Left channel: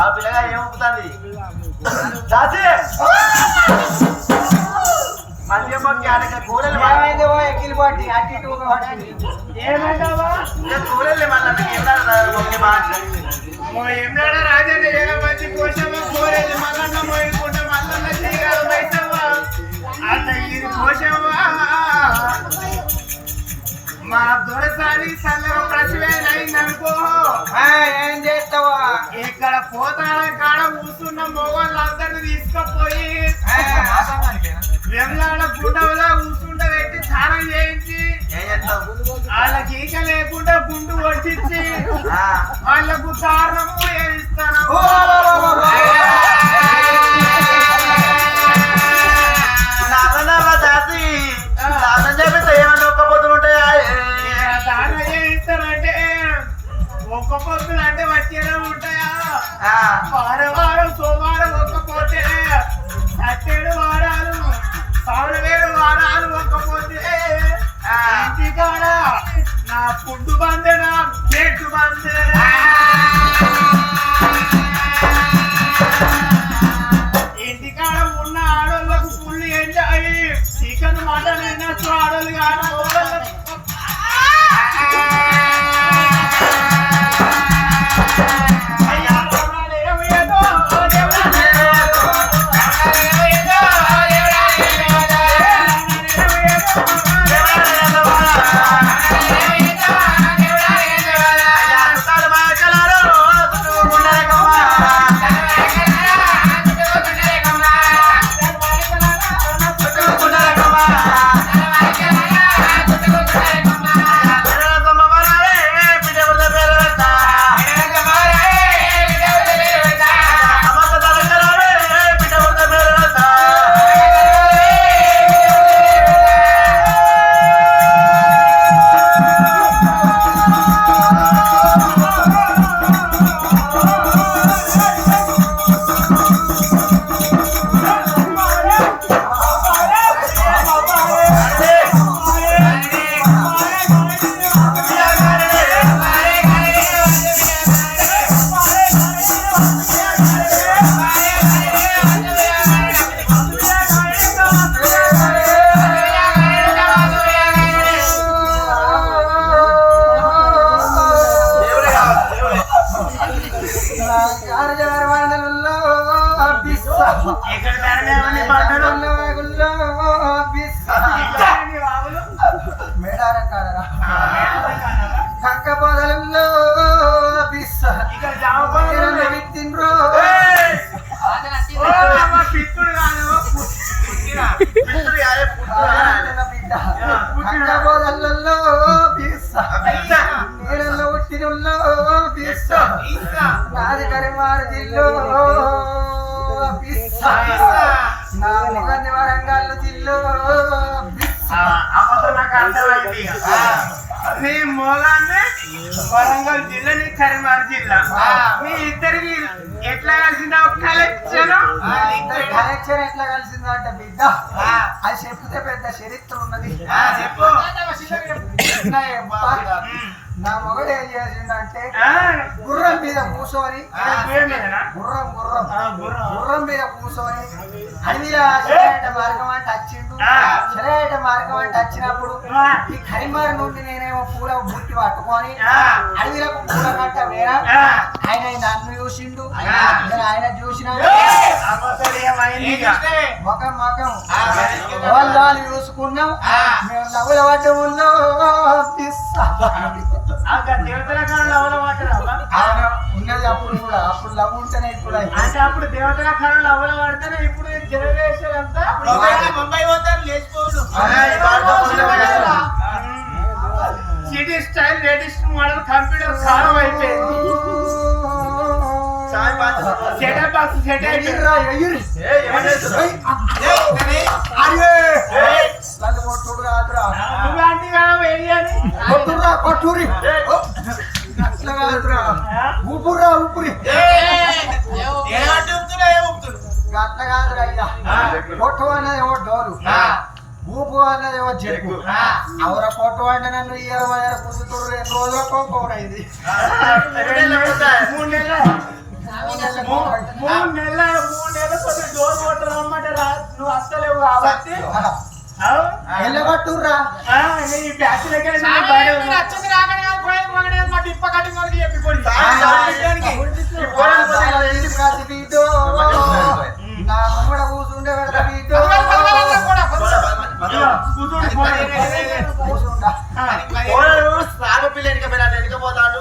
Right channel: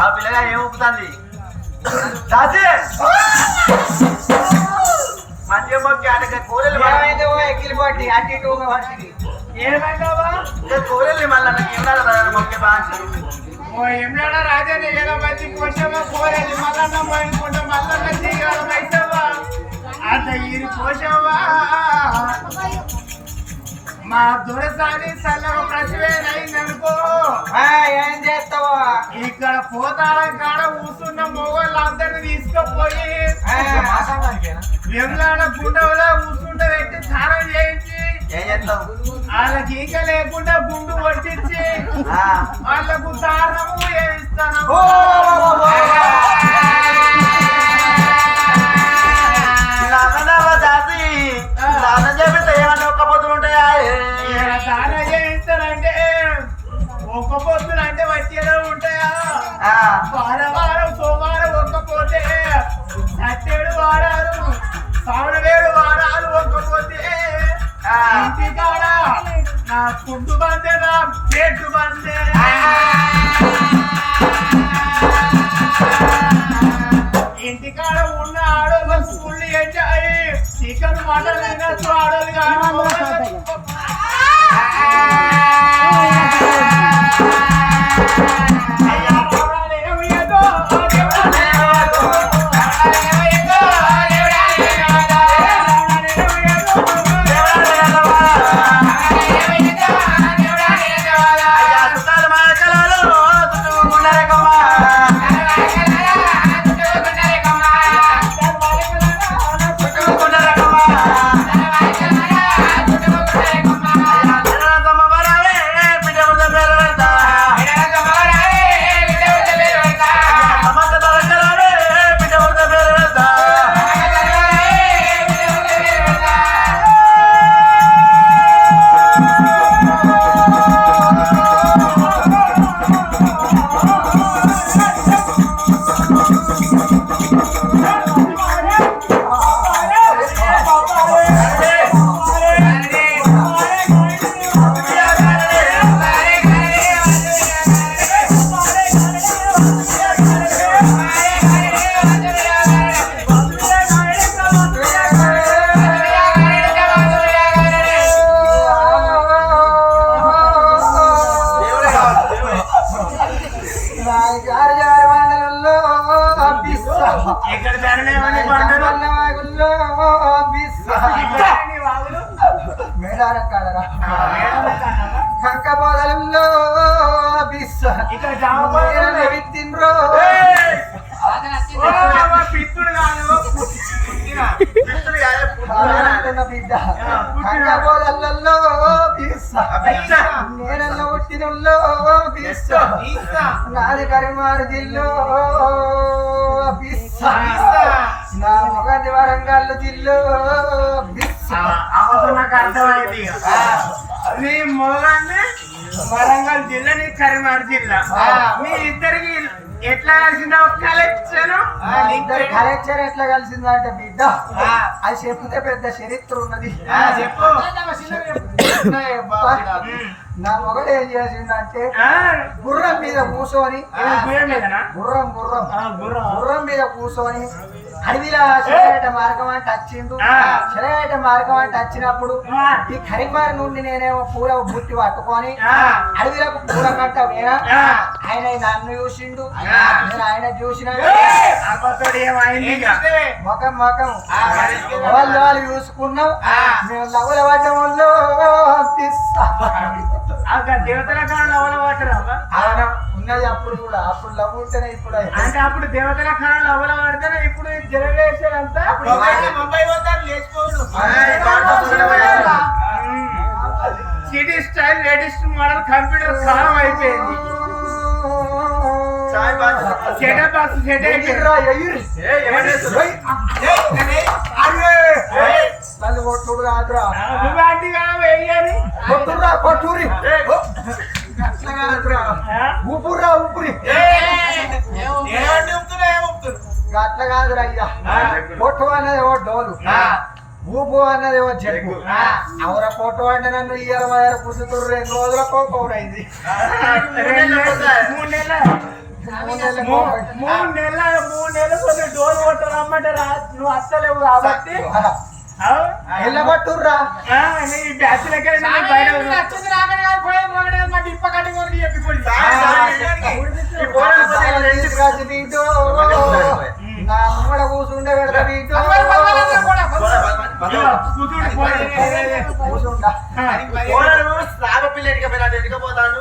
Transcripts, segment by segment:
ఆ పిల్లగా ఏం ఊపుతుంది దాసి మంచి కూరలు కూరల్ని మళ్ళీ ఏమిలాడ రాజన్న ఏదో మంచి కోసమో కూరలు మల్లన్న మోయించుకుంటే మల్లన్న తీయగల పైసవా అంత ఇది కోసమా మా దొరసాని చల్లగా ప్రతివేనైందనుకో ఏం చేస్తావా ఇక్కడ పోతారం కాడ కూర్చున్న మొగోళ్ళందరినీ తీసుకుపోయి వెమ్లాడ గుండెలో కూర్చుండ పెట్టి స్నానం చేయించి వాళ్ళకి ఈక లేకుండా గుండు వడ్డించి వాళ్ళకు దారుణము వేయిస్తాను దానం చేయిస్తానంటే ఒక్క పొద్దులు అంటే వచ్చేదో ఉంటాయా వారం సోమవారం ఒక్కపోతే 7 వారాలు 7 వారాలు ఒక్కపోతే ఇంటికాడ నా ఫుడ్ బందే నా ప్లేట్ బందే ఇంటికాడ ఉన్న ఆడోళ్ళకు ఫుల్ ఎంజాయ్ చికెన్ మటన్ తినచ్చు ఆడోళ్ళు కానీ ఇక్కడ ధరణి పండుగల్లో మేడార కాడరా కంకపోదలలో ఇక్కడ జామపళ్ళు విత్తిండ్రో పిత్తుడు కాదు బిడ్డ కంకపోదలలో నేరల్లో పుట్టినల్లో నాది కరిమారు జిల్లో నా ముఖంది వరంగల్ జిల్లో నాకు అర్థమైంది మీ మొగాన్ని వరంగల్ జిల్లా నీ కరీంనగర్ జిల్లా మీ ఇద్దరికి ఎట్లా కలిసిందా కలెక్షన్ కలెక్షన్ ఎట్లా కలిసిందా అంటే బిడ్డ అది చెప్తే పెద్ద చరిత్ర ఉన్నది చెప్పు నా మొగడు ఏం చేసిందంటే గుర్రం మీద కూర్చొని గుర్రం మీద కూర్చొని అడవిలో శరవేట మార్గం అంటే వచ్చిండు శరవేట మార్గం అంటే వచ్చినప్పుడు ఈ కరీంనగర్ నుండి నేనేమో పూల బుట్టి పట్టుకొని అడవిలకు పూల కట్ట వేరా ఆయన నన్ను చూసిండు నేను ఆయన చూసిన ముఖం ముఖం వాళ్ళు చూసుకున్నాం మేము నవ్వుల పడ్డంలో దేవతల కాలంలో ఆయన ఉన్నది అప్పుడు కూడా అప్పుడు లవ్ ఉంటేనే ఇప్పుడు అంటే అప్పుడు దేవతల కాలంలో అవ్వల పడితేనే ఇప్పుడు జనరేషన్ అంతా ముంబై పోతారు లేచిపోవడం city style latest model computer కాలం అయిపోయింది మస్తు సెట్ అయింది ఎగిర్రా, ఎగిరి. నన్ను కొట్టుడు కాదురా. నువ్వు ఆంటీ కాదు వెయ్యాలి కొట్టుర్రా, కొట్టుర్రి. అట్లా కాదురా. ఊపుర్రా, ఊపిరి. అట్లా కాదురా అయ్యా. కొట్టు అన్నదేమో డోలు, ఊపు అన్నదేమో జగ్గు. అవర కొట్టు అంటే నన్ను 20 పుచ్చుతుడు 2 రోజులకు కోరైంది. 3 నెలలు కొన్ని డోర్ కొట్టరు అమ్మంటే నువ్వు అస్సలేవు కాబట్టి ఎల్లగొట్టుర్రా. నీ బ్యాచ్ దగ్గర నచ్చింది రాకనే కాదు పోయేది మొదటి మా డిప్ప కటింగ్ ఒకటి చెప్పిపోయి కాసి బీటో, నా ముంగడ కూర్చుండే పెడత బీటో. కూర్చుంటా. సాగ పిల్ల ఎడికపోయినట్టు ఎడికపోతాను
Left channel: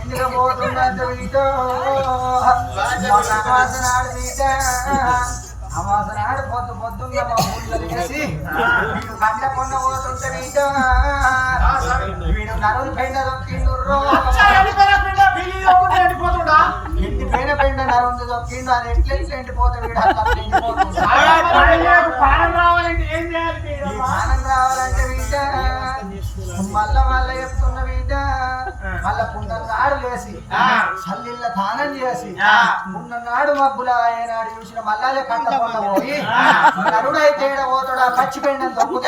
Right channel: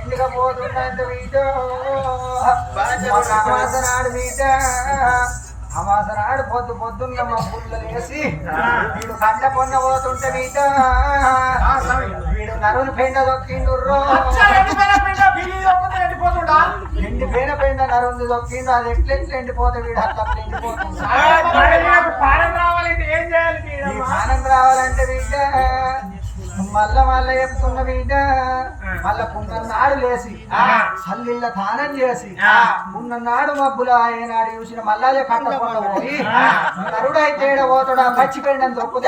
ఇంటిగా పోతున్నట్టు బీటో. అమాసనాడు బీట, అమాసనాడు పొద్దున్న మా ఊళ్ళో వేసి వీడు కండ కొన్న పోతుంటే బీట. వీడు నరుని పెండ దొక్కిండు. ఎండి పెండ నరుని దొక్కిండు. అది ఎట్లా ఎండిపోతే వీడు అట్లా ఎండిపోతుంది. పాలన రావాలంటే ఏం చేయాలి జ్ఞానం రావాలంటే బిడ్డ మళ్ళా చెప్తున్న బిడ్డ, మళ్ళా పున్నన్నాడు లేసి చల్లిళ్ళ తానం చేసి ఉన్ననాడు మబ్బుల ఏనాడు చూసిన మళ్ళాలే కట్టపోయి నరుడైతే పోతాడు. మర్చిపోయిందని దొక్కుతా